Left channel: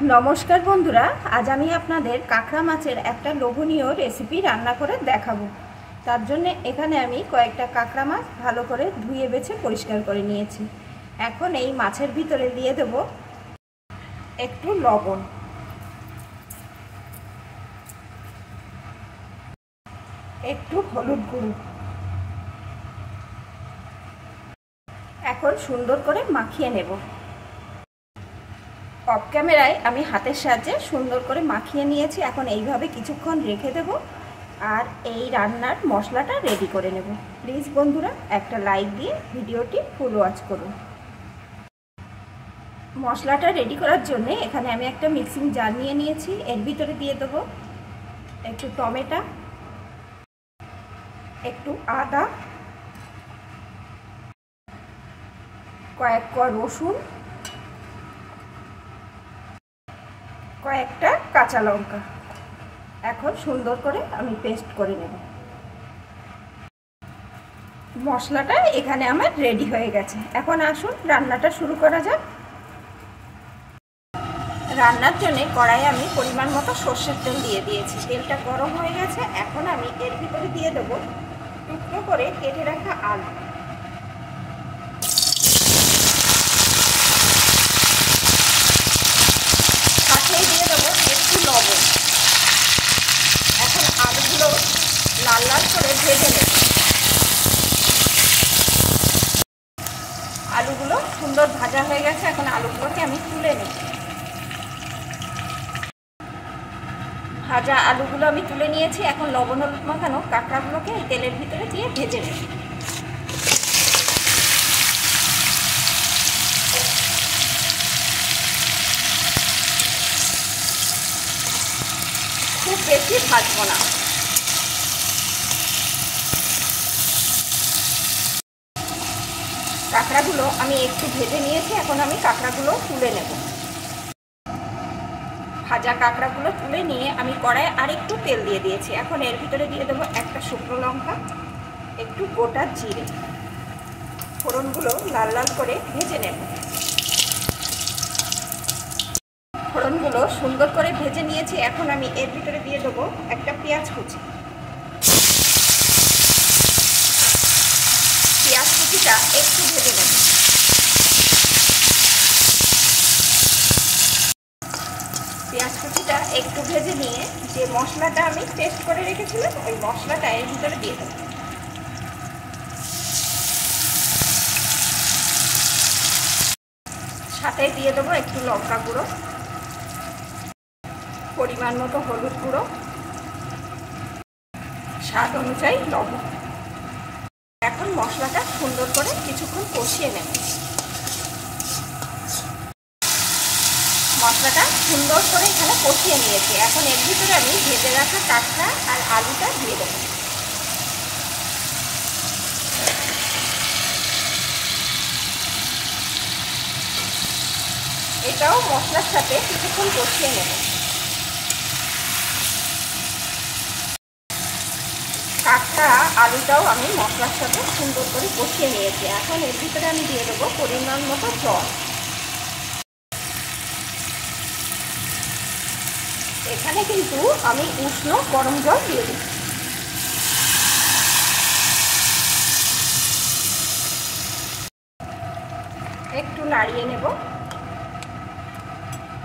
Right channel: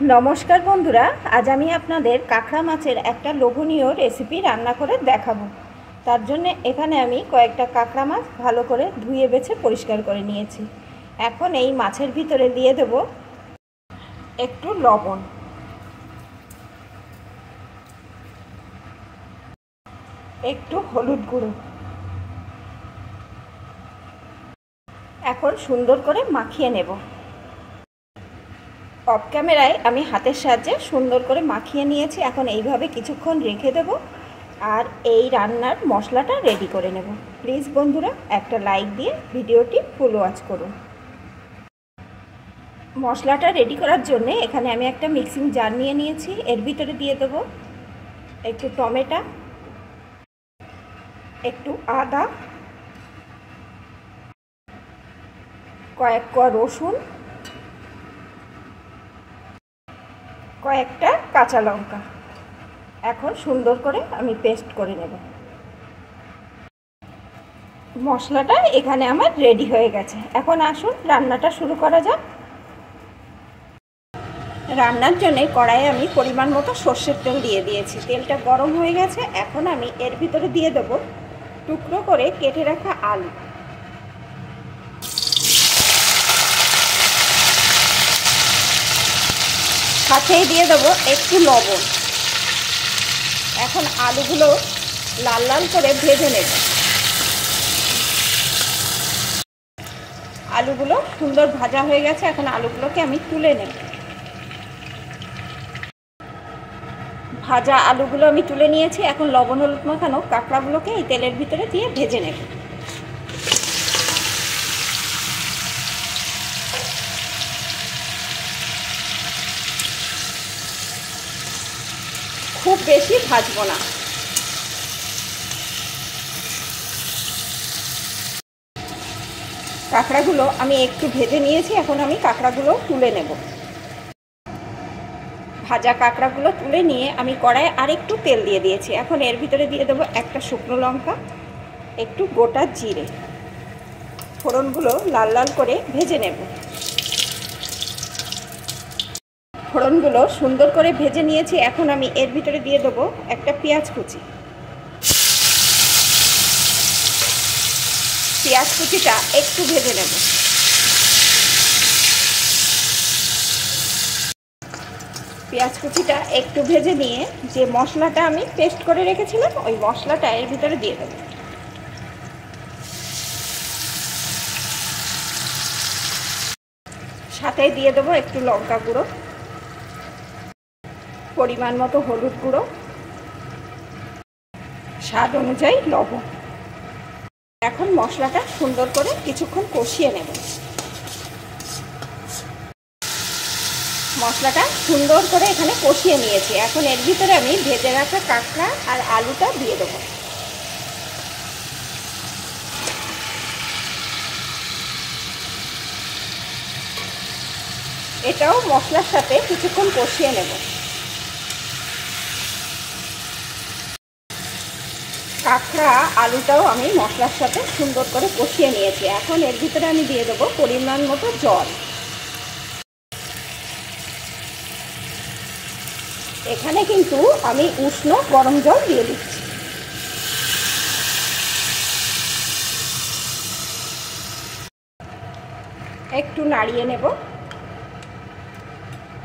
নমস্কার বন্ধুরা, আজ আমি আপনাদের কাঁকড়া মাছের একটা লোভনীয় রেসিপি রান্না করে দেখাবো। তার জন্য এখানে আমি কয়েকটা কাঁকড়া মাছ ভালো করে ধুয়ে বেছে পরিষ্কার করে নিয়েছি। এখন এই মাছের ভিতরে দিয়ে দেব একটু লবণ, একটু হলুদ গুঁড়ো। এখন সুন্দর করে মাখিয়ে নেব। অফ ক্যামেরায় আমি হাতের সাহায্যে সুন্দর করে মাখিয়ে নিয়েছি। এখন এইভাবে কিছুক্ষণ রেখে দেব আর এই রান্নার মশলাটা রেডি করে নেব। প্লিজ বন্ধুরা একটা লাইক দিয়ে ভিডিওটি ফুল ওয়াচ করুন। মশলাটা রেডি করার জন্য এখানে আমি একটা মিক্সিং জার নিয়ে নিয়েছি। এর ভিতরে দিয়ে দেব একটু টমেটো, একটু আদা, কয়েক কোয়া রসুন, কয়েকটা কাঁচা লঙ্কা। এখন সুন্দর করে আমি পেস্ট করে নেব। মশলাটা এখানে আমার রেডি হয়ে গেছে। এখন আসুন রান্নাটা শুরু করা যাক। রান্নার জন্য কড়াইয়ে আমি পরিমাণ মতো সর্ষের তেল দিয়ে দিয়েছি। তেলটা গরম হয়ে গেছে। এখন আমি এর ভিতরে দিয়ে দেব টুকরো করে কেটে রাখা আলু, সাথেই দিয়ে দেবো একটু লবণ। এখন আলুগুলো লাল লাল করে ভেজে নেব। আলুগুলো সুন্দর ভাজা হয়ে গেছে। এখন আলুগুলোকে আমি তুলে নেব। ভাজা আলুগুলো আমি তুলে নিয়েছি। এখন লবণ হলুদ মাখানো কাঁকড়াগুলোকে এই তেলের ভিতরে দিয়ে ভেজে নেব। খুব বেশি ভাজবো না। কাঁকড়াগুলো আমি একটু ভেজে নিয়েছি। এখন আমি কাঁকড়াগুলো তুলে নেব। ভাজা কাঁকড়াগুলো তুলে নিয়ে আমি কড়াইয়ে আরেকটু তেল দিয়ে দিয়েছি। এখন এর ভিতরে দিয়ে দেবো একটা শুকনো লঙ্কা, একটু গোটা জিরে। ফোড়নগুলো লাল লাল করে ভেজে নেব। ফোড়নগুলো সুন্দর করে ভেজে নিয়েছি। এখন আমি এর ভিতরে দিয়ে দেবো একটা পেঁয়াজ কুচি। পেঁয়াজ কুচিটা একটু ভেজে নেব। পেঁয়াজ কুচিটা একটু ভেজে নিয়ে যে মশলাটা আমি পেস্ট করে রেখেছিলাম ওই মশলাটা এর ভিতরে দিয়ে দেব। সাথে দিয়ে দেবো একটু লঙ্কা গুঁড়ো, পরিমাণ মতো হলুদ গুঁড়ো, স্বাদ অনুযায়ী লবণ। এখন মশলাটা সুন্দর করে কিছুক্ষণ কষিয়ে নেব। মশলাটা সুন্দর করে এখানে কষিয়ে নিয়েছি। এখন এর ভিতরে আমি ভেজে রাখা কাঁকড়া আর আলুটা দিয়ে দেব। এটাও মশলার সাথে কিছুক্ষণ কষিয়ে নেব। কাঁকড়া আলুটাও আমি মশলার সাথে সুন্দর করে কষিয়ে নিয়েছি। এখন এর ভিতরে আমি দিয়ে দেবো পরিমাণ মতো জল। এখানে কিন্তু আমি উষ্ণ গরম জল দিয়ে দিচ্ছি। একটু নাড়িয়ে নেব।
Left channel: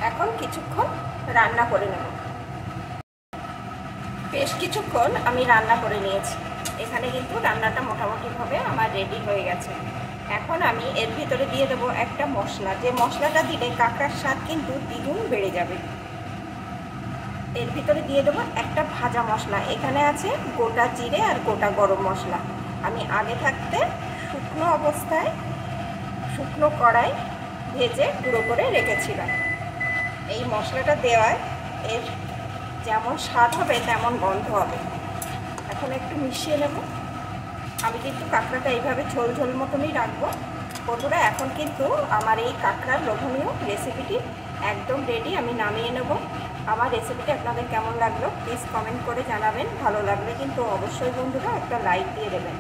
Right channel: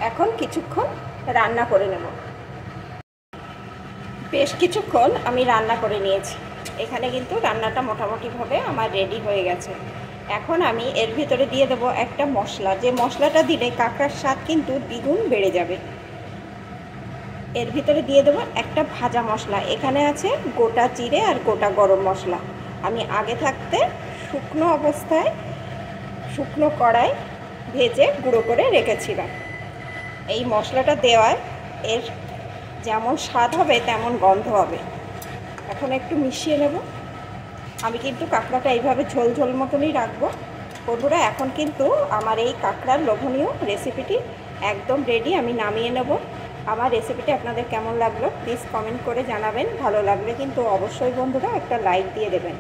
এখন কিছুক্ষণ রান্না করে নেব। বেশ কিছুক্ষণ আমি রান্না করে নিয়েছি। এখানে কিন্তু রান্নাটা মোটামুটিভাবে আমার রেডি হয়ে গেছে। এখন আমি এর ভিতরে দিয়ে দেবো একটা মশলা, যে মশলাটা দিলে কাঁকড়ার স্বাদ কিন্তু দ্বিগুণ বেড়ে যাবে। এর ভিতরে দিয়ে দেবো একটা ভাজা মশলা। এখানে আছে গোটা জিরে আর গোটা গরম মশলা। আমি আগে থাকতে শুকনো অবস্থায় শুকনো কড়াই ভেজে গুঁড়ো করে রেখেছিলাম। এই মশলাটা দেওয়ায় এর যেমন স্বাদ হবে তেমন গন্ধ হবে। এখন একটু মিশিয়ে নেব। আমি কিন্তু কাঁকড়াটা এইভাবে ঝোল ঝোল মতনই রাখবো। বন্ধুরা এখন কিন্তু আমার এই কাঁকড়ার লোভনীয় রেসিপিটি একদম রেডি। আমি নামিয়ে নেব। আমার রেসিপিটি আপনাদের কেমন লাগলো প্লিজ কমেন্ট করে জানাবেন। ভালো লাগলে কিন্তু অবশ্যই বন্ধুরা একটা লাইক দিয়ে দেবেন।